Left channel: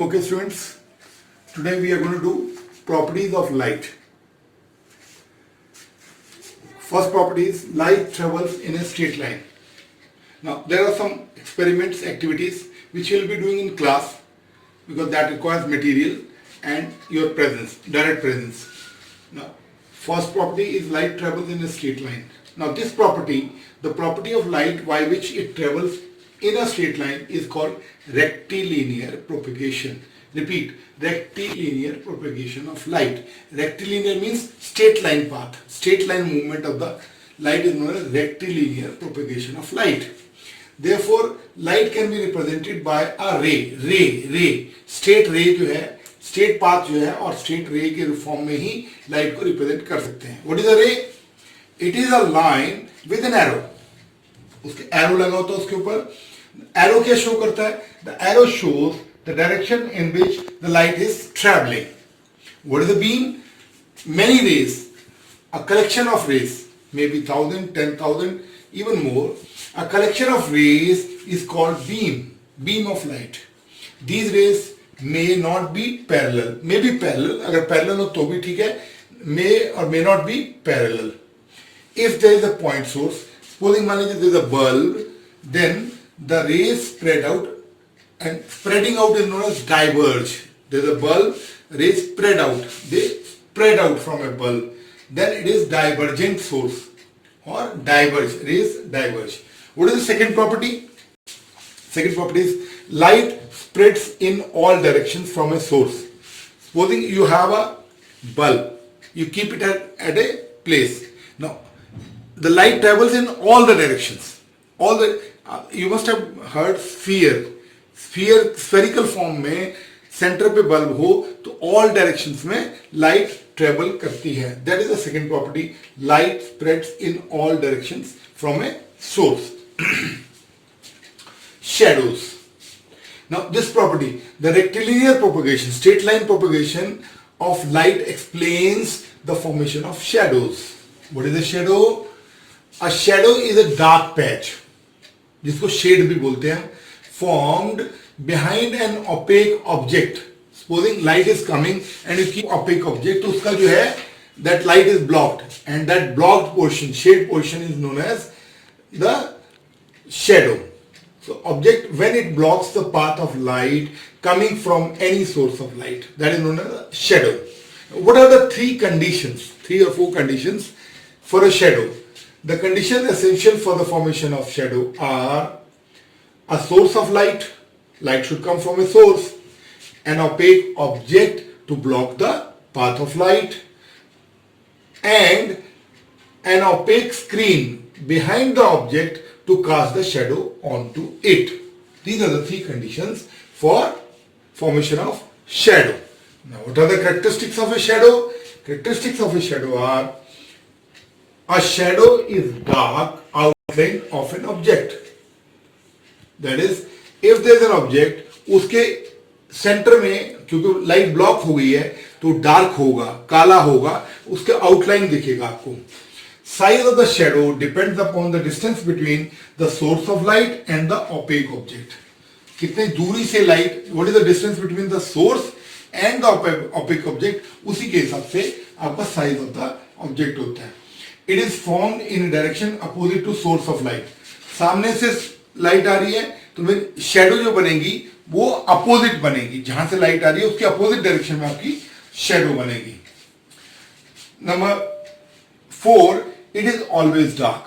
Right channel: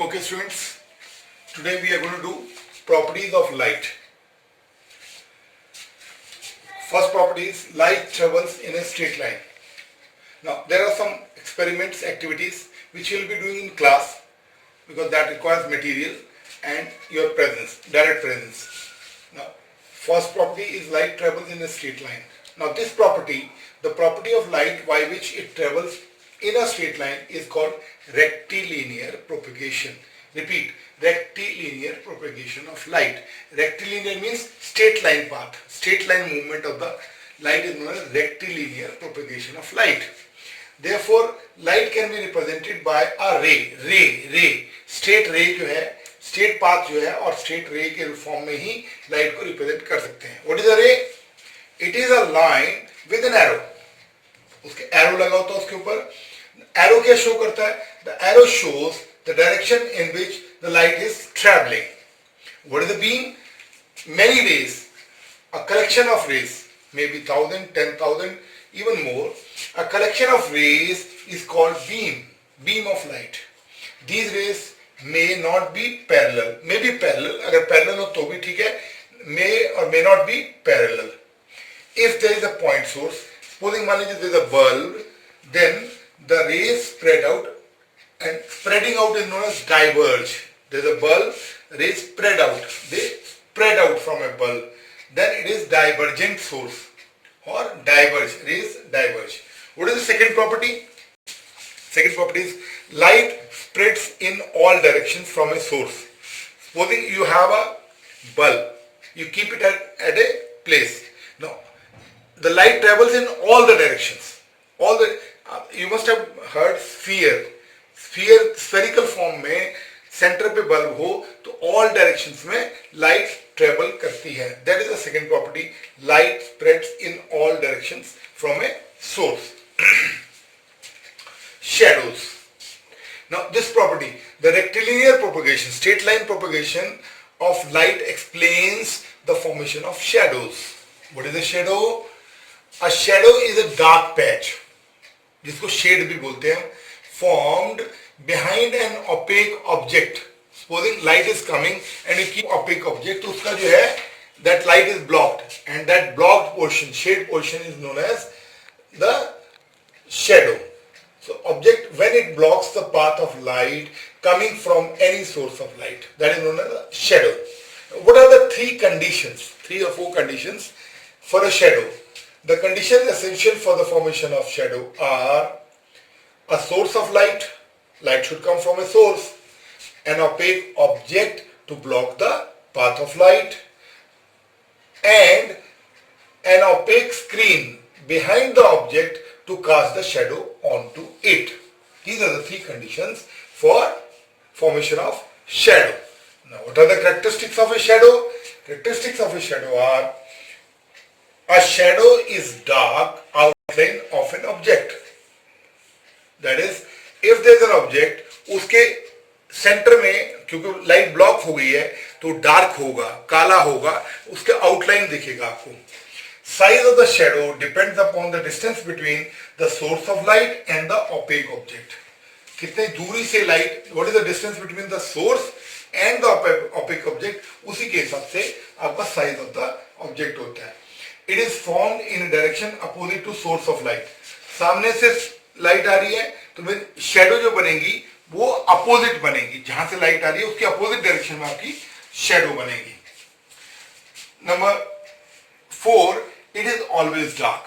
Okay students, today we are going to do properties of light. First property is light travels in a straight line. Now there are some experiments, activities which you will be doing in class because that requires material and your presence, direct presence. Now first property is light travels in a straight line. Now this property, the property of light by which it travels in a straight line is called rectilinear propagation. Repeat, rectilinear propagation of light. Rectilinear means straight line path. Straight line movement of the light is known as rectilinear propagation of light. Therefore, light can be represented by a ray. Straight ray जो है, straight path जो है और straight ray के form में ही light को represent कर सकते हैं. What is a ray? It is a line with an arrow. उसके arrow लगा होता है उसके ऊपर. Arrow क्या show करता है? The arrow shows the direction in which the light is traveling. What is the beam? Many rays, a collection of rays, maybe 1,000, 10,000, even more. A collection of rays is called beam of light. These rays may not be parallel, may be parallel. अगर parallel हो तो भी ठीक है, may or may not be parallel. If there is a point source, supposing मान लीजिए there is a bulb, then the rays spread out, and spreading out is known as diverge. There is a bulb, rays spread out. They spread out from a bulb. Then it is divergent source or diverge. Rays diverge. What is the second property? Second property is light spreads in all directions from a source. Supposing you have a bulb, you keep it at a place. Now, the light travels in all the directions. You must have heard sphere. Spherical form में centre पे bulb हो तो all directions में light travel करती है. That is the second property. Light spreads in all directions from a source. Shadows. Now this property, the rectilinear propagation, straight line propagation of light explains the formation of shadows. What is a shadow? A shadow is a dark patch, जिसको shade भी बोलते हैं, formed behind an opaque object. Supposing light is coming and you keep opaque object, तो उसका जो है that light is blocked and that blocked portion, shade portion is known as the shadow. So object, when it blocks the path of light coming from any source of light, that is known as a shadow. What are the three or four conditions for a shadow? The conditions essential for the formation of shadow are a source of light should come from a source, an opaque object to block the path of light, and an opaque screen behind the object to cast the shadow onto it. These are the three conditions for formation of shadow. Now, what are the characteristics of a shadow? Characteristics of a shadow are: a shadow is dark outline of an object. That is, if there is an object, उसके centre में क्योंकि light block हो गई है तो dark होगा, काला होगा, उसके आउटलाइन दिखेगा आपको. Size of the shadow depends upon the distance between the source of light and the opaque object. कितने दूरी से light, what is the distance between the source and the opaque object, उसी के हिसाब से आपका साइज ऑफ द ऑब्जेक्ट होता है. It is formed in direction opposite to source of light. सामने से लाइट आ रही है तो फिर शैडो जो बनेगी वो अपोजिट बनेगी. जहां से लाइट आ रही है उसके अपोजिट डायरेक्शन में आपकी शैडो बनेगी. Number 4, it is always dark.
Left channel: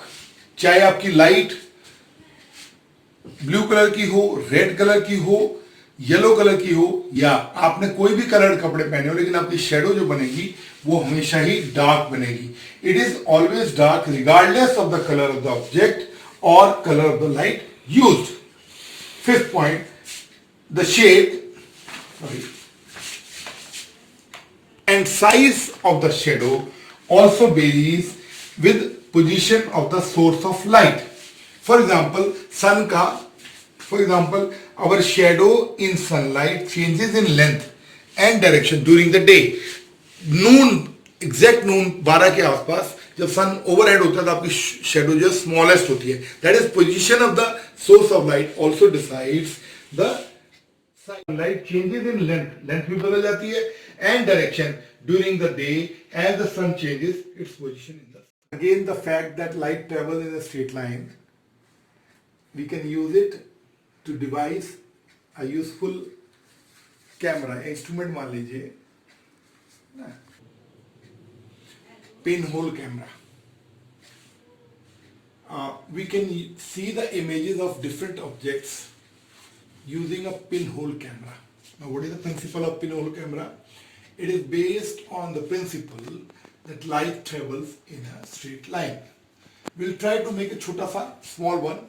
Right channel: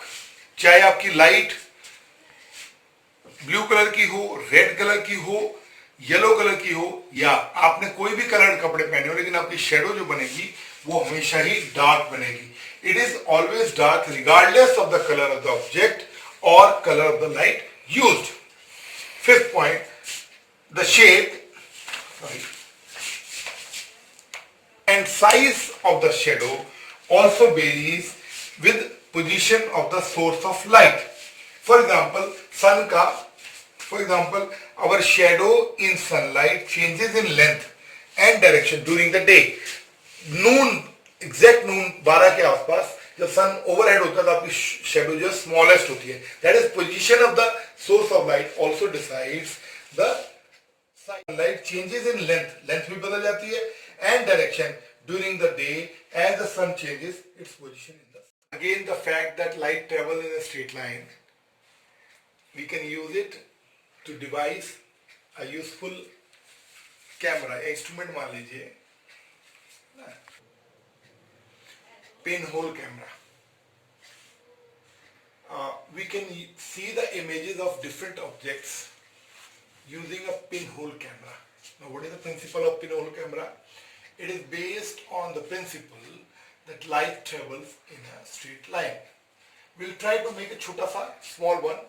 चाहे आपकी लाइट ब्लू कलर की हो, रेड कलर की हो, येलो कलर की हो, या आपने कोई भी कलर कपड़े पहने हो, लेकिन आपकी शैडो जो बनेगी वो हमेशा ही डार्क बनेगी. It is always dark regardless of the colour of the object or color of the light used. Fifth point, the shade and size of the shadow also varies with position of the source of light. For example, our shadow in sunlight changes in length and direction during the day. Exact noon 12 के आसपास जब सन overhead होता है तो आपकी shadow जो smallest होती है. That is position of the source of light also decides the light changes in length भी बदल जाती है, and direction during the day as the sun changes its position in the again the fact that light travel in a straight line, we can use it to devise a useful camera instrument मान लीजिए pin hole camera. We can see the images of different objects using a pinhole camera. Now, what is the principle of pinhole camera? It is based on the principle that light travels in a straight line. We'll try to make a chota sa small one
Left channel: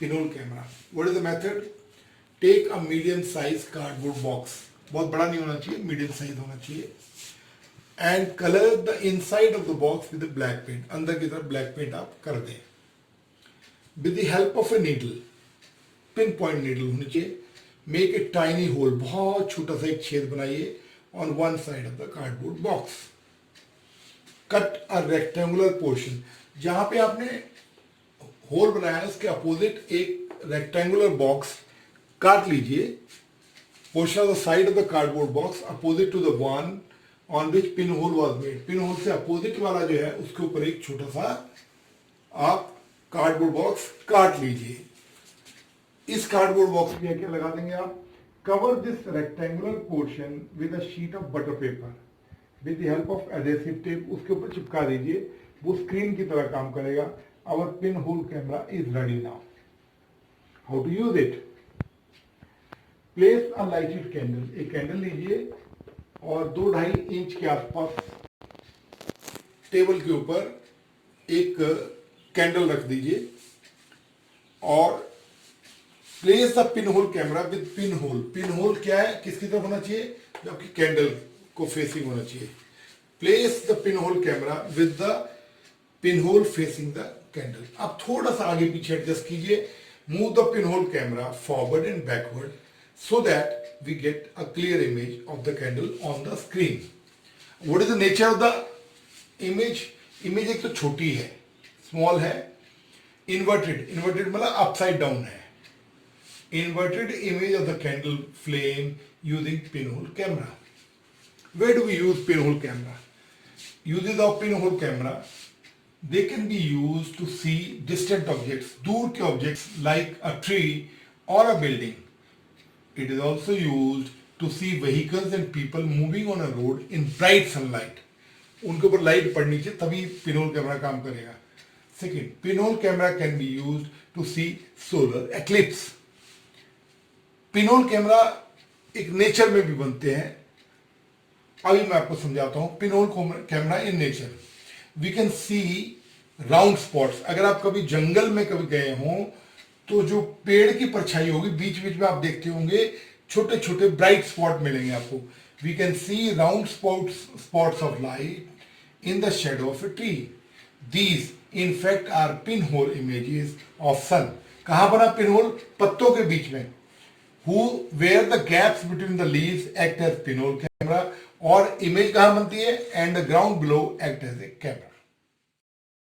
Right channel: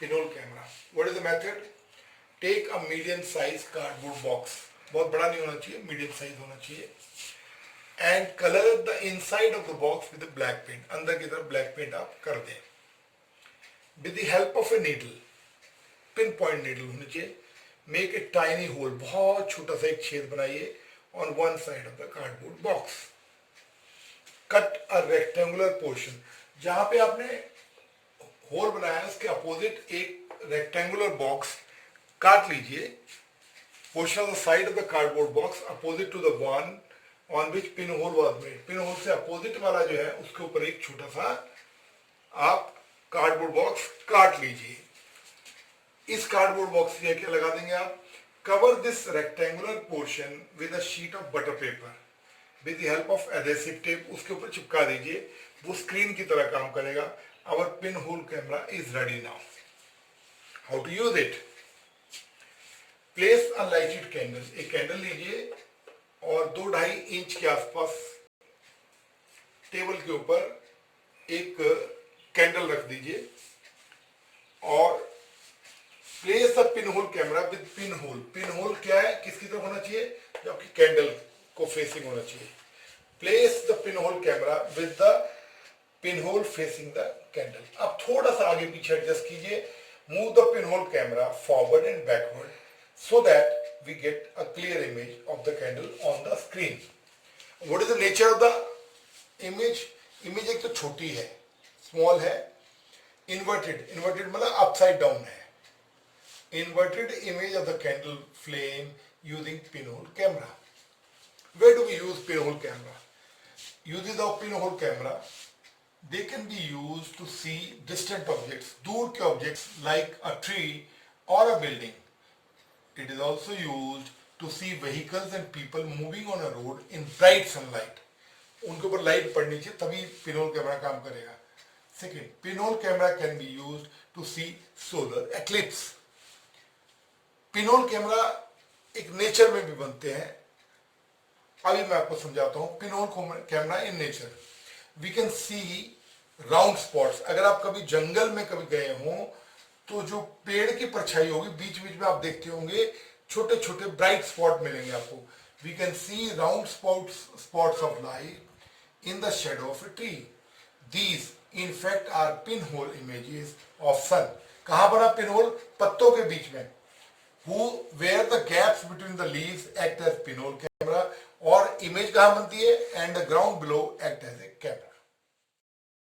pinhole camera. What is the method? Take a medium size cardboard box. बहुत बड़ा नहीं होना चाहिए, medium size होना चाहिए. And color the inside of the box with a black paint. अंदर की तरफ black paint आप कर दें. With the help of a needle, pinpoint needle होनी चाहिए, make a tiny hole, बहुत छोटा सा एक छेद बनाइए on one side of the cardboard box. Cut a rectangular portion. जहाँ पे आपने होल बनाया है उसके अपोजिट एक rectangular box काट लीजिए. Portion of the side of the cardboard box opposite to the one on which pinhole was made. Pinhole से अपोजिट वाला जो है उसके ऊपर एक छोटा सा आप कार्डबोर्ड बॉक्स काट लीजिए. इस कार्डबोर्ड बॉक्स में क्या लगा देंगे आप? Cover this rectangular portion with a sheet of butter paper with the help of adhesive tape. उसके ऊपर चिपका दीजिए, वो स्क्रीन की तरह काम करेगा. Our pin hole camera is ready now. How to use it? Place a lighted candle. एक कैंडल लीजिए और 2-2.5 इंच के आसपास टेबल के ऊपर एक कैंडल रख दीजिए और place the pin hole camera with pin hole. Pin hole क्या है, किसकी तरफ होना चाहिए? जो आपकी कैंडल को फेसिंग होना चाहिए. Place the pin hole camera with the pin hole facing the candle. आप थोड़ा सा आगे पीछे एडजस्ट कीजिए. Move the pin hole camera forward and backward so that we get a clear image of the candle on the screen. What is the nature of the image? Image एक तो छोटी है, स्मॉल है, inverted मतलब upside down है. Inverted image of the candle flame using pinhole camera. Where do we use pinhole camera? Uses of pinhole camera, they can be use to see distant objects, दूर के objects like a tree और a building. It is also use to see vehicles and people moving on a road in bright sunlight. उनके ऊपर light पड़नी चाहिए तभी pinhole camera काम करेगा. Second, pinhole camera can be used to see solar eclipse. Pinhole camera एक nature में भी बनते हैं. अभी मैं आपको समझाता हूं. Pinhole camera in nature, we can see round spots. अगर आप कभी जंगल में कभी गए हों तो जो पेड़ की परछाई होगी बीच बीच में आप देखते होंगे छोटे छोटे ब्राइट स्पॉट मिलेंगे आपको. We can see round spots of light in the shadow of a tree. These in fact are pinhole images of sun. कहां बना pinhole? पत्तों के बीच में. Where the gaps between the leaves act as pinhole camera, और image कहां बनती है? And the ground below act as a camera.